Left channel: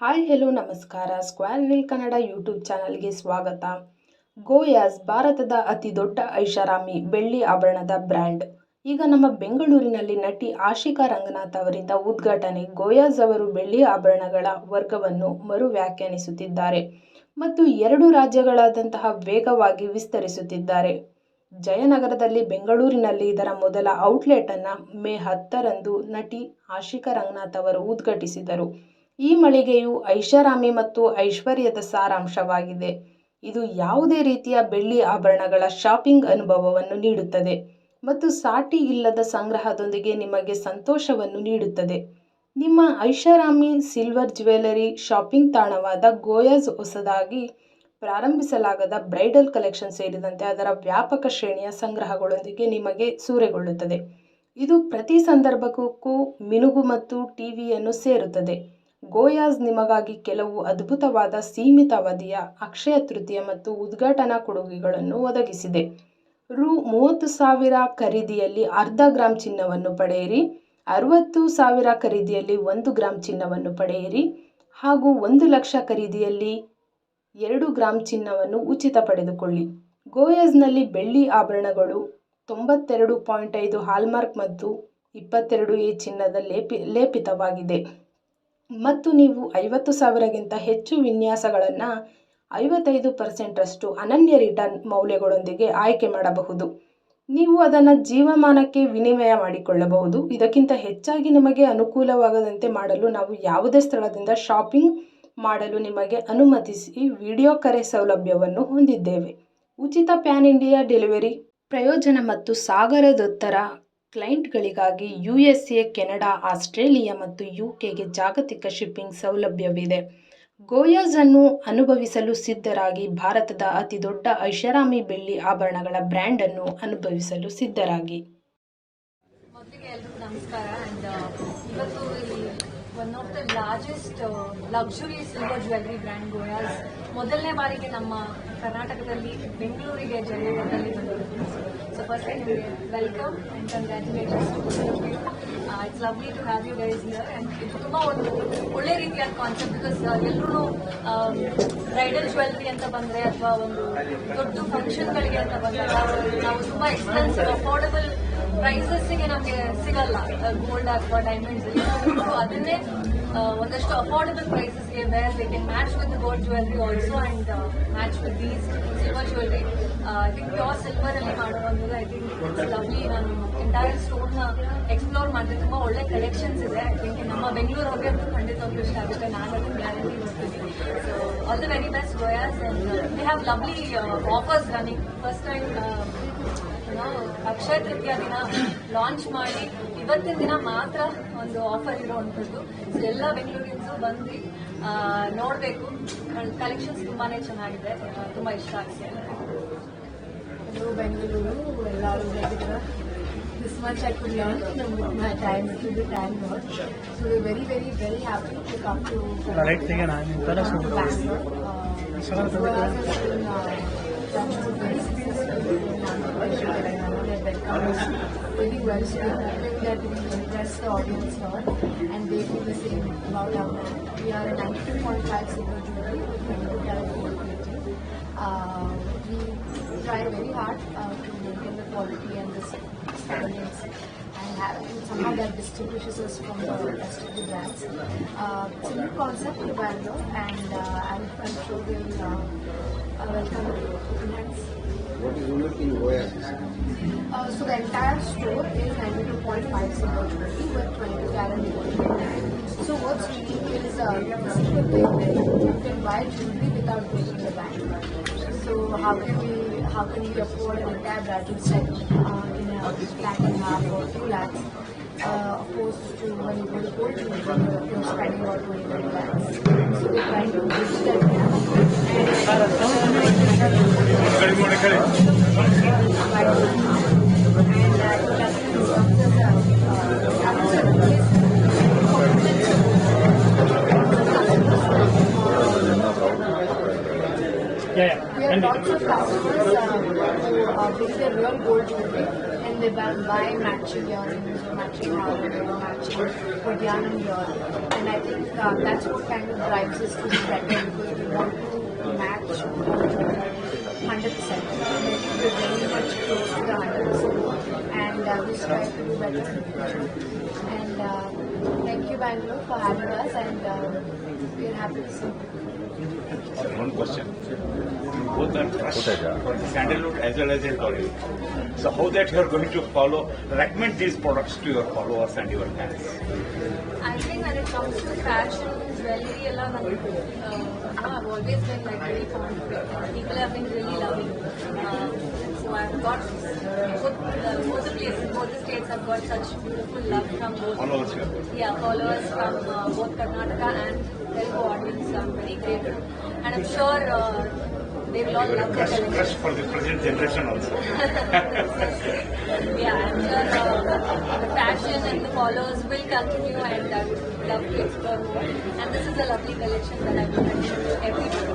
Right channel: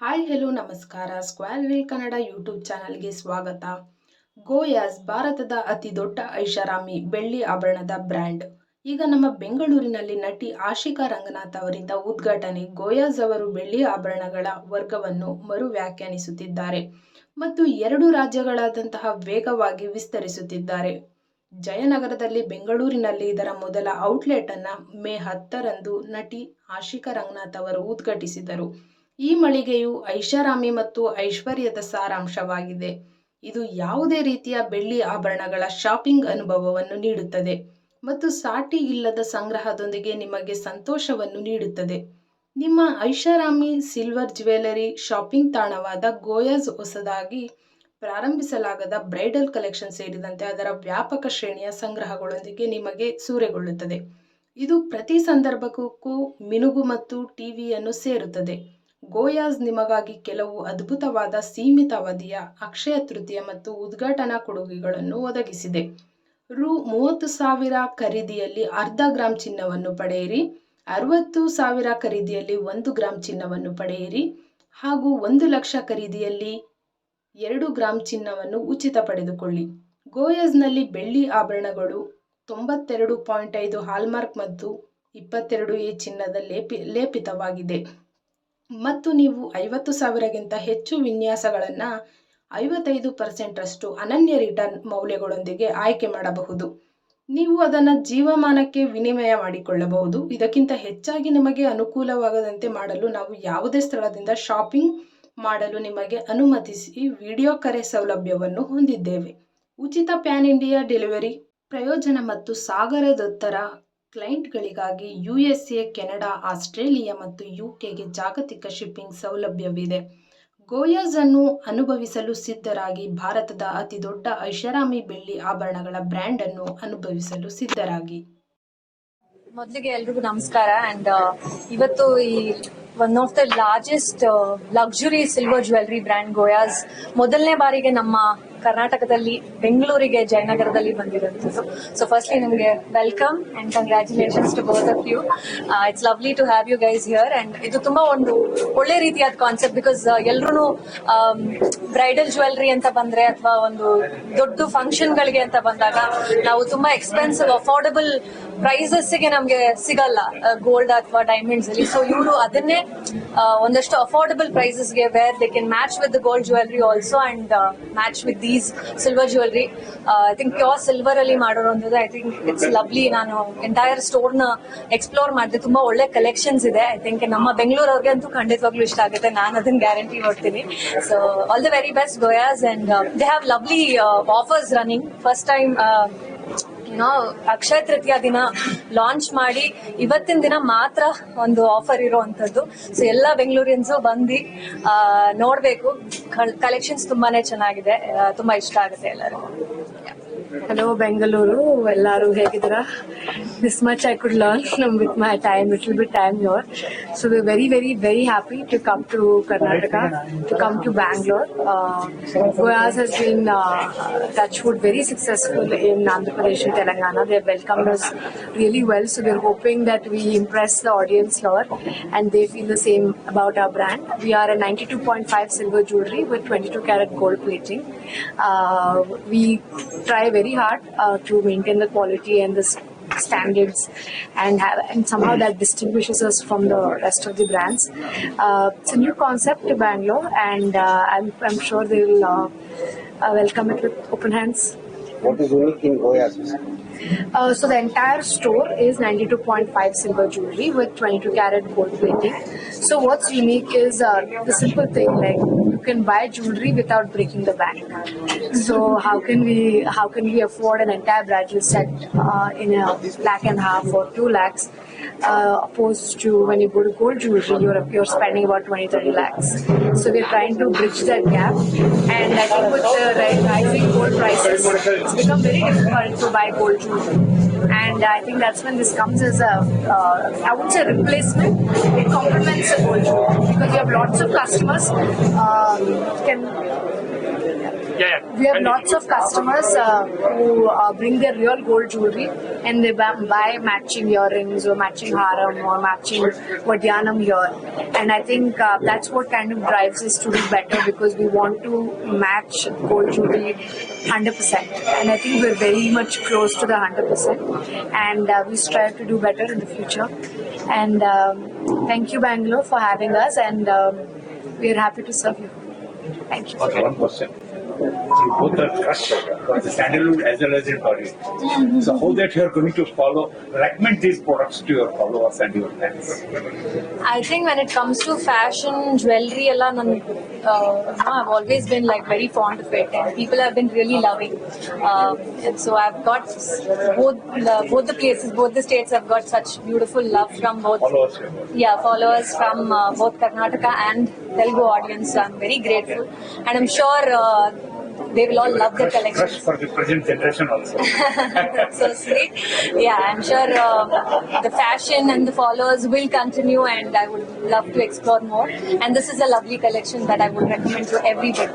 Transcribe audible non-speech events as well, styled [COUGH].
Hi hello ನಮಸ್ಕಾರ. ಸ್ಕ್ವಾಲ್ will Kannada YouTube ಚಾನಲ್ಗೆ ಸ್ವಾಗತ. ಗೋಯಾಸ್ ಭಾರತದ ಅತಿ ದೊಡ್ಡ ಐಷಾರಾಮಿ ಬೆಳ್ಳಿ ಆಭರಣದ ಬ್ರ್ಯಾಂಡ್. ಈಗ ನಮ್ಮ ಬೆಂಗಳೂರಿನಲ್ಲಿ ನಟಿ ಆಶಿಕಾ ರಂಗನಾಥ್ ಅವರಿಂದ ಉದ್ಘಾಟನೆ ಗೋಯಾಸ್ ಅವರು ಬೆಳ್ಳಿ ಆಭರಣಗಳ ವರ್ಗವನ್ನು ಮರು ವ್ಯಾಖ್ಯಾನಿಸುತ್ತಿದ್ದಾರೆ ಮತ್ತು ಎರಡು ರಾಜ್ಯಗಳಾದಂತಹ ವೇಗವಾಗಿ ವಿಸ್ತರಿಸುತ್ತಿದ್ದಾರೆ. ಜಯನಗರದಲ್ಲಿ ಬೆಂಗಳೂರಿನಲ್ಲಿ ಇದರ ಮೊದಲ ಔಟ್ಲೆಟನ್ನು ಮೇ ಹತ್ತರಂದು ನಟಿ ಆಶಿಕಾ ರಂಗನಾಥ್ ಅವರು ಉದ್ಘಾಟಿಸಿದರು. ಈ ಮಳಿಗೆಯು ಐಷಾರಾಮಿ ಮತ್ತು ಐಶ್ವರ್ಯದ ಸಾರಾಂಶವಾಗಿದೆ. ಇದು ಯಾವುದೇ ರೀತಿಯ ಬೆಳ್ಳಿ ಆಭರಣಗಳ ಶಾಪಿಂಗ್ ಅನುಭವವನ್ನು ನೀಡುತ್ತದೆ ಮತ್ತು ಸಾಟಿ ಇಲ್ಲದ ಸಂಗ್ರಹದೊಂದಿಗೆ ನಿಮಗೆ ಸಂತೋಷವನ್ನು ನೀಡುತ್ತದೆ. ನಿಮ್ಮ ಐಷಾರಾಮಿ ಸಿಲ್ವರ್ ಜ್ಯುವೆಲರಿ ಶಾಪಿಂಗ್ ತಾಣವಾದ ಗೋಯಾಸ್ ಹೊಸದಾಗಿ ಪ್ರಾರಂಭಿಸಲಾಗದ ಬ್ರೈಡಲ್ ಕಲೆಕ್ಷನ್ ಸೇರಿದಂತೆ ಅದರ ವ್ಯಾಪಕ ಶ್ರೇಣಿಯ ಸಂಗ್ರಹಗಳೊಂದಿಗೆ ನಿಮಗೆ ಸೂರೆಗೊಳ್ಳುತ್ತದೆ. ಇದು ಪ್ರತಿ ಸಂದರ್ಭಕ್ಕೂ ಮಿನುಗು ಮತ್ತು ಟಿವಿಯನ್ನು ಸೇರುತ್ತದೆ. ಗೋಯಾಸ್ ನಿಮಗಾಗಿ ಕೆಲವು ಅದ್ಭುತವಾದ ಸೀಮಿತ ಅವಧಿಯ ಅಕ್ಷಯ ತೃತೀಯ ಮತ್ತು ಉದ್ಘಾಟನಾ ಕೊಡುಗೆಗಳನ್ನು ಒದಗಿಸಿದೆ. ರು ಮೂವತ್ತು ಸಾವಿರ ಖರೀದಿಯಲ್ಲಿ ಅರ್ಧ ಗ್ರಾಂ ಚಿನ್ನವನ್ನು ಪಡೆಯಿರಿ, ಅರವತ್ತು ಸಾವಿರ ಖರೀದಿಯಲ್ಲಿ ಒಂದು ಗ್ರಾಂ ಚಿನ್ನವನ್ನು ಪಡೆಯಿರಿ ಹಾಗೂ ಒಂದು ಲಕ್ಷ ಖರೀದಿಯಲ್ಲಿ ಎರಡು ಗ್ರಾಂ ಚಿನ್ನವನ್ನು ಉಚಿತ ಪಡೆದುಕೊಳ್ಳಿ. ಗೋಯಸ್ನಲ್ಲಿ ಬೆಳ್ಳಿ ಆಭರಣಗಳು ತೊಂಬತ್ತೆರಡು ಪಾಯಿಂಟ್ ಐದು ಹಾಲ್ಮಾರ್ಕ್ ಮತ್ತು ಇಪ್ಪತ್ತೆರಡು ಎ ಚಿನ್ನದ ಲೇಪಿ, ಲೇಪಿತವಾಗಿದೆ. ಮತ್ತು ನೀವು ಐವತ್ತು ಸಾವಿರಕ್ಕಿಂತ ಹೆಚ್ಚು ವಿನ್ಯಾಸಗಳನ್ನು ಐವತ್ತೈದು ಪರ್ಸೆಂಟರಷ್ಟು ಅನನ್ಯ ರಿಟರ್ನ್ ಮೌಲ್ಯಗಳೊಂದಿಗೆ ಆಯ್ಕೆ ಮಾಡಬಹುದು. ನೀವು ಅದನ್ನು ಜೀವಮಾನಕ್ಕೆ ವಿನಿಮಯ ಮಾಡಿಕೊಳ್ಳಬಹುದು. ಇದಕ್ಕಿಂತ ಹೆಚ್ಚಾಗಿ ನಿಮಗೆ ಅನುಕೂಲವಾಗದಂತೆ ಮಾಡಲು ನಾವು ಯಾವುದೇ ಸ್ಥಳದಿಂದ ಶಾಪಿಂಗ್ ಮಾಡಲು ನಿಮಗೆ ಅನುಮತಿಸಿ ವಿಡಿಯೋ ಕರೆ ಸೌಲಭ್ಯವನ್ನು ಹೊಂದಿದ್ದೇವೆ. ಉಚಿತ ಪ್ಯಾನ್ ಇಂಡಿಯಾ ಡೆಲಿವರಿ ಪ್ರಯೋಜನ ಮತ್ತು ಸಾಗರದೊತ್ತರ ಕ್ಲೈಂಟ್ಗಳಿಗಾಗಿ U S A, Canada, Australia ಮತ್ತು ಯು ಕೆಗೆ ಜಾಗತಿಕ ಶಿಪ್ಪಿಂಗ್ ಸೌಲಭ್ಯವಿದೆ. ಗೋಯಾಸ್ ಅನ್ನು ಅನುಭವಿಸಲು ಸಿದ್ಧರಾಗಿ ಭಾರತದ ಅತಿ ದೊಡ್ಡ ಐಷಾರಾಮಿ ಬೆಳ್ಳಿ ಆಭರಣಗಳ ಬ್ರ್ಯಾಂಡ್ ಅನ್ನು ಅನುಭವಿಸಲು ಸಿದ್ಧರಾಗಿ. ಮೊದಲಿಗೆ ಎಲ್ರಿಗೂ ನಮಸ್ಕಾರ. ಅಂಡ್ ಇವತ್ತು ಈ one of the largest luxury silver jewellery brand Goyaz ಮೊದಲನೇ ಬಾರಿಗೆ ನಮ್ಮ ಕರ್ನಾಟಕದಲ್ಲಿ ಬೆಂಗಳೂರಿಗೆ ಜಯನಗರದಲ್ಲಿ ಬಂದಿರೋದು. ಸೊ ಫಸ್ಟ್ಲಿ ನಿಮಗೆ welcome and congratulations to both of you it's lovely to have you guys here and ಇದು ತುಂಬಾ ಒಂದು ಒಳ್ಳೆ ರೀತಿಯಾದ ಕಾನ್ಸೆಪ್ಟ್ ಬಿಕಾಸ್ ಎಲ್ಲರೂ ಬ್ರೈಡಲ್ ಜ್ಯುವೆಲ್ರಿ ಅಂತ ಬಂದ್ರೆ ಅಥವಾ ಒಂದು ದೊಡ್ಡ ಫಂಕ್ಷನ್ಗಳಿಗೆ ಅಂತ ಬಂದಾಗ ನಾವು ತುಂಬಾ ಎಕ್ಸ್ಪೆನ್ಸಿವ್ ಅಫೋರ್ಡಬಲ್ ಪ್ರೈಸಸ್ಗೆ ನಮಗೆ ಸಿಗಲ್ಲ ಗೋಲ್ಡ್ ಅಥವಾ ಡೈಮಂಡ್ಸ್ ಅಲ್ಲಿ. ಸೊ ಇವರು ಅದನ್ನೇ ಆ, ಒಂದಷ್ಟು affordable ಪ್ರೈಸಸ್ಗೆ where they can match with gold jewellery also and match with these silver jewellery I think pure silver ಅಲ್ಲಿ ಮಾಡಿರೋಂಥದ್ದು ಐ ಥಿಂಕ್ ಇಟ್ಸ್ ಲವ್ಲಿ ನಾನು ಎಂಟೈರ್ ಸ್ಟೋರ್ನ ಎಕ್ಸ್ಪ್ಲೋರ್ ಮಾಡಿದೆ. ತುಂಬಾ ಒಳ್ಳೆ ಕಲೆಕ್ಷನ್ಸ್ ಇದೆ. ಐ ಥಿಂಕ್ ನಮ್ಮ ಬೆಂಗಳೂರವ್ರಿಗೆ ಅಂತೂ ಖಂಡಿತವಾಗ್ಲೂ ಇಷ್ಟ ಆಗುತ್ತೆ. ನಾನು ಅದನ್ನ ಗ್ಯಾರಂಟಿ ಕೊಡ್ತೀನಿ so all the very best Goyaz and they have lovely offers running first time ನಾವು ಅಕ್ಷಯ ತೃತೀಯ ದಿನ ಲಾಂಚ್ ಮಾಡಿ ಇವತ್ತಿನ ದಿನ ಮಾತ್ರ ಒಂದು ಆಫರ್ ಇರುವಂತದ್ದು ಸೊ ಎಲ್ಲ ಬೆಂಗಳೂರಿಯನ್ಸ್ ಬಂದು ನೋಡಬೇಕು. ಕಲೆಕ್ಷನ್ಸ್ ತುಂಬಾನೇ ಚೆನ್ನಾಗಿದೆ. ತುಂಬಾ ಇಷ್ಟ ಆಗುತ್ತೆ ಎಲ್ಲರೂ ಹಲೋ ಬೆಂಗಳೂರು ಎಲ್ಲರೂ ಹೇಗಿದ್ದೀರಾ? this much I could learn from with my time, little bit time here. So we're very, very, very happy to come to Karnataka, to come to Bangalore. Uh, um, Goyaz has been uh, touchwood very successful in Andhra Pradesh and Telangana. They've welcomed us really well. So we're hoping that we impress the audience here and they feel the same about our brand. We are a 92.5 silver jewelry with 22 karat gold plating. Uh, we try very hard uh, to maintain the quality and the standards and have, and somehow that distinguishes us from the rest of the brands. Uh, it's a new concept to Bangalore and uh, I'm, I'm sure they will uh, uh, welcome it with open hands. What is unique in Goyas? Uh, so the entire store is 92.5 silver jewelry with 22 karat gold plating. So what's unique is uh, the simple thing like you can buy jewelry without breaking the bank. So how can we how can we afford an entire bridal set uh, in a lakh and a half or two lakhs? Uh, opposed to when you go to gold jewelry, you're, you're spending about 20 30 lakhs. So we're trying to bridge that gap. And difficult to buy gold jewelry. And I think that's when this comes as a, uh, I would say replacement. It complements the gold jewelry. Because we have lots of customers um, can we have lots of customers uh, who uh, bring their real gold jewelry and they buy, buy matching earrings or matching haram or matching vadyanam here. And I think uh, that's what kind of drives us to do better because we want to match gold jewelry 100%. And I think we're very much close to the 100%. And uh, we strive to do better in the future. And um, thank you, Bangalore, for having us. And um, we're happy to serve you. Thank you. Okay both are as well as a target. Suppose that you are going to follow, recommend these products to your followers and your fans. I think when it comes to fashion, jewelry, Allah, uh, I've always been like very fond of it, and people have been really loving. Um, and so I've got both uh, both the places, both the states have got such beautiful love from both. Followers. Yeah, followers from uh, both Karnataka and Telugu audience. So I'm very grateful, and I'm sure uh, they will all love the Trust collection. for the present generation also. [LAUGHS] so sweet. Yeah, I'm sure uh, the fashion and the followers will continue, and I would love to explore more. And this is a lovely collection that I would recommend to everybody.